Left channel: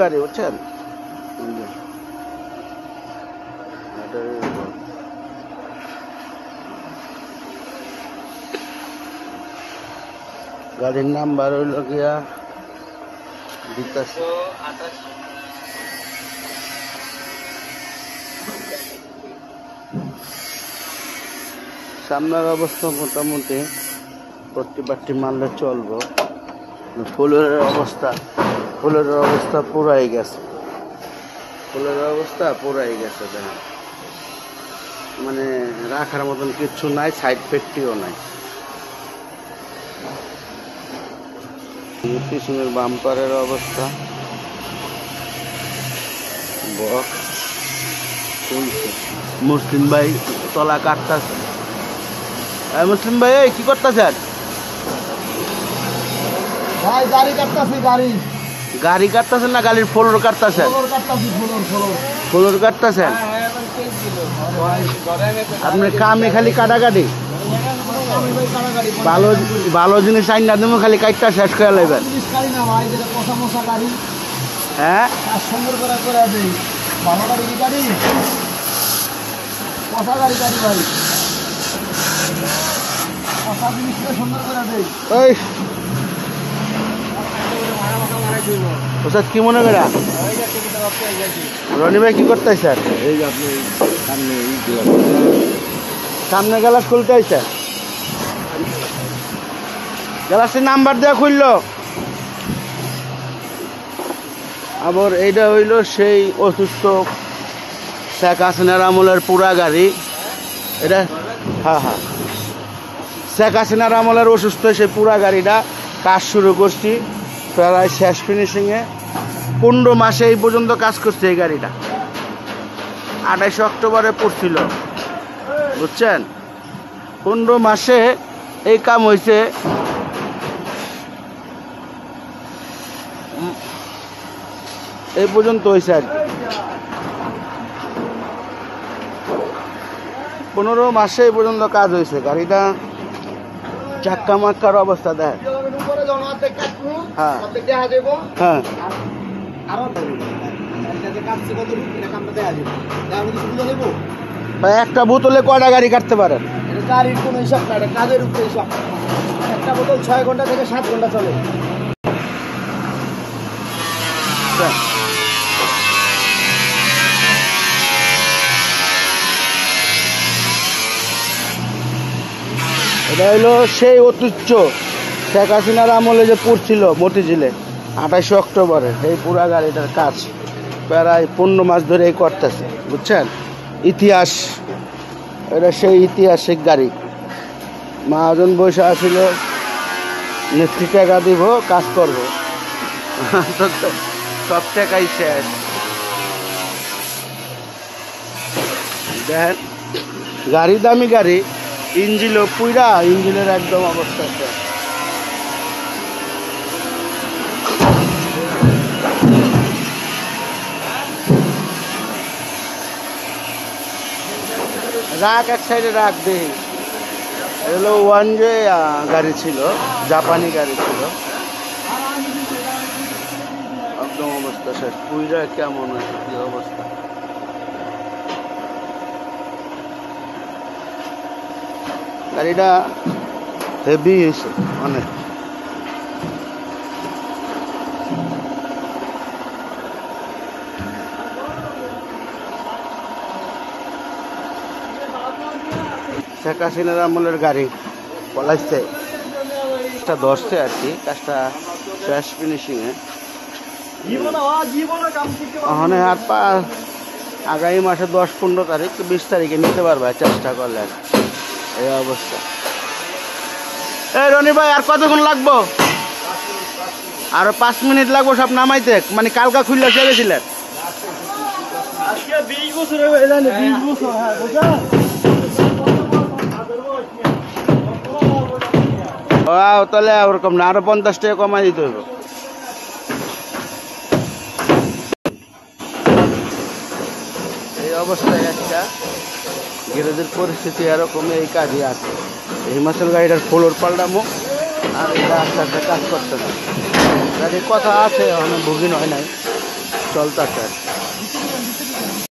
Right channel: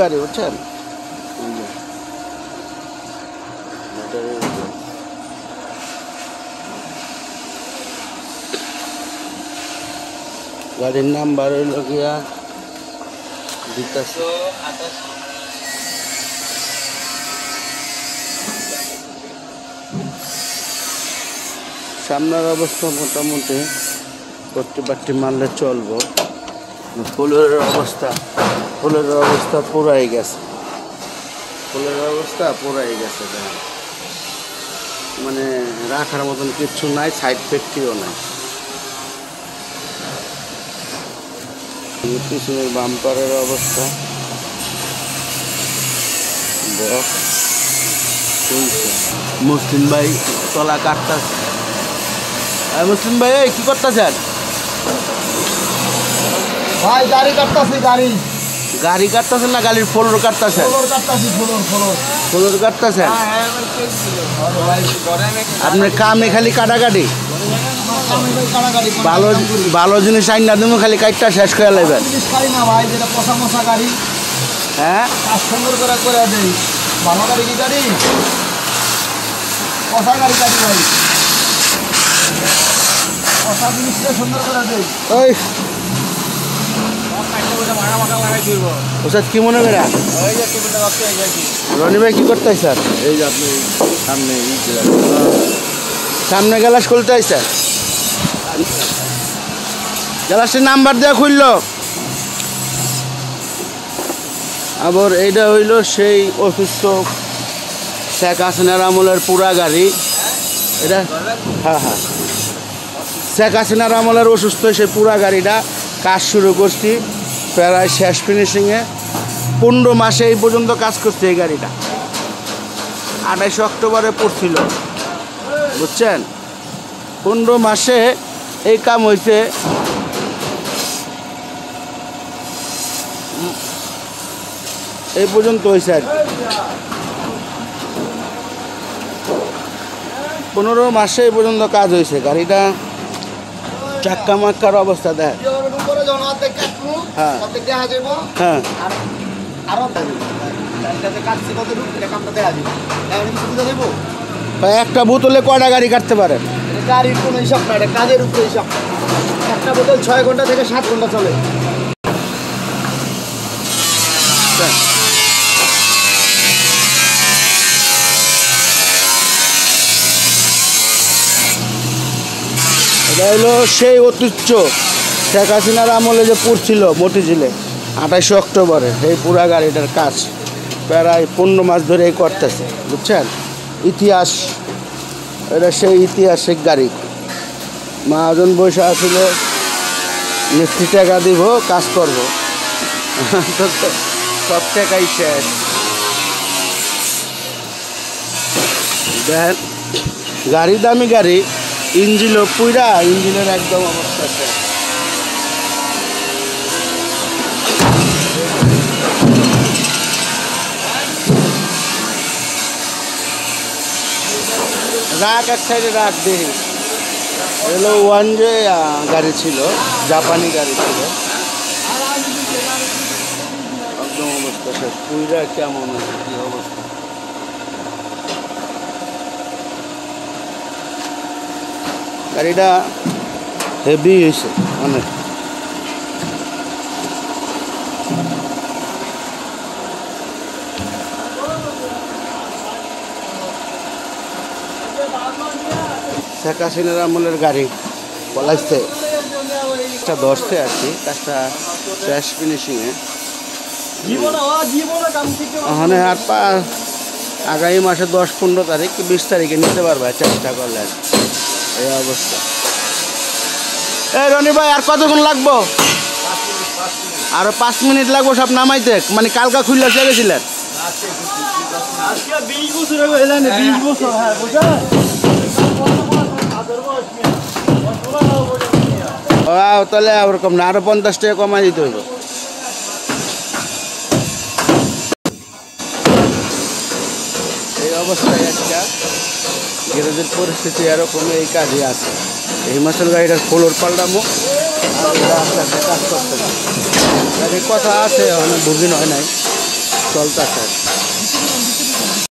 গাড়ি বুঝছেন, গাড়ির নাম্বার হইল গিয়া সামনের অবস্থা মোটামুটি পট্টি মারলে চলবো। ফুলের অবস্থা পুরাই গেছে, মানে রাখার মতন কিচ্ছু নাই, সাইড পেটটিও নাই। পিছনের বাম্পারের অবস্থা মুসলিম ভাই তলা কাটতেছে। মুসলিম ভাই কি করতেছেন? ভাই গাড়ি কাটতেছি, গাড়ি কাটতেছেন না গাড়ির ফ্লোর কাটতেছেন? ফ্লোর কাটতেছেন। আপনার কামে খালি কাটাকাটি, ভালো জিনিস আইন না তুমি খালি কাটটা শেষ করে নেবেন। না ভাই, যেটা পচা মশা গাড়ি, হ্যাঁ সুন্দর করে দেই। ভালো গাড়ি কি গাড়ি, পচা গাড়ি ভাই, পচা জিনিসটা সুন্দর করে দেই। ওই ওষুধ কি মনে করা? রনি ভাই কি করতে স্যার? এই যে আপনি সামনে গ্যালাস খুলতে স্যার, গ্যালাসের নাম্বার দেওয়া খুললো। আবার এইটা হইল সেই অসুস্থ শেখ হাসিনার আমলের পুরা গাড়ি এটা। হ্যাঁ, শেখ হাসিনার আমলের অসুস্থ সেই পুরা গাড়িটা কাজ শুরু করছি প্রায় শেষ ফিনিশিংয়ে। 15 মাসে এই পর্যন্ত কাজ করছে এই গাড়িটা। 28 অক্টোবরে পড়ছিল বুঝছেন। 15 মাসে এই কাম হয়েছে। এই পর্যন্ত হয়েছে আর 15 মাসে এই পর্যন্ত কাজ হয়েছে। গাড়িটা চাক্কা মাক্কার অবস্থা দেয়। একটা বোতলে কয়টা গাড়ি কাটতে পারেন? গাড়ির কোনো হিসাব না, কাজের উপরে হিসাব। একটা বোতল 6 ঘন্টা থেকে 7 ঘন্টা চলে। এটা হলো সেই ঐতিহ্য শেখ হাসিনার আমলে যে পড়ছিল মতিঝিলে 28 অক্টোবরে। এই পুরা গাড়িটার কাজ প্রায় 15 মাস ধরে করতেছে বুঝছেন। ইতিহাস, এটা সেই ঐতিহাসিক গাড়ি। মহাজন বসে আছিল, নেত্রী টাকা দিব কাজ করবো, সব টাকাই শেষ। দেখেন গাড়ি দামি গাড়ি, ইঞ্জিনও পুরা, ইঞ্জিনের একদম অবস্থা আছে। রাখ এক সাইডে রাখ দেই। এগুলো 1J গাড়ি ছিল, জাপানি গাড়ি ছিল। একদম অবস্থা শেষ, পুরা কেমন অবস্থা। গাড়িটা হেভি হয়েছে অনেক। শেখ হাসিনার আমলের গাড়ি পলাইছে, একটা ধরছে আর কি। কাজটা শেষ ফিনিশিংয়ে। এখন হাত পা আগামী মাসে 10-15 তারিখ 20 তারিখে নিতে পারবে চেষ্টা করলে। এই অবস্থা। এই রনি ভাই আর কতক্ষণ লাগবো? আরো 5 মিনিট লাগবো সব নামাইতে। মানে কালকা খুললে চেয়েছিলেন? তাহলে ওরকম না, আরো 50 টাকা কমাই দিতে হবে। এই অবস্থায় একটা গ্যারেজের পরিস্থিতি এরকম, এই কাজে আছে। এই মাসের গাড়িটার ফ্লোর পাল্টাবো আর এরা আস্তে আস্তে কাজ করতেছে। গাড়ির কথা আছে, অনেক বুকিং হয় নাই, চলতেছে।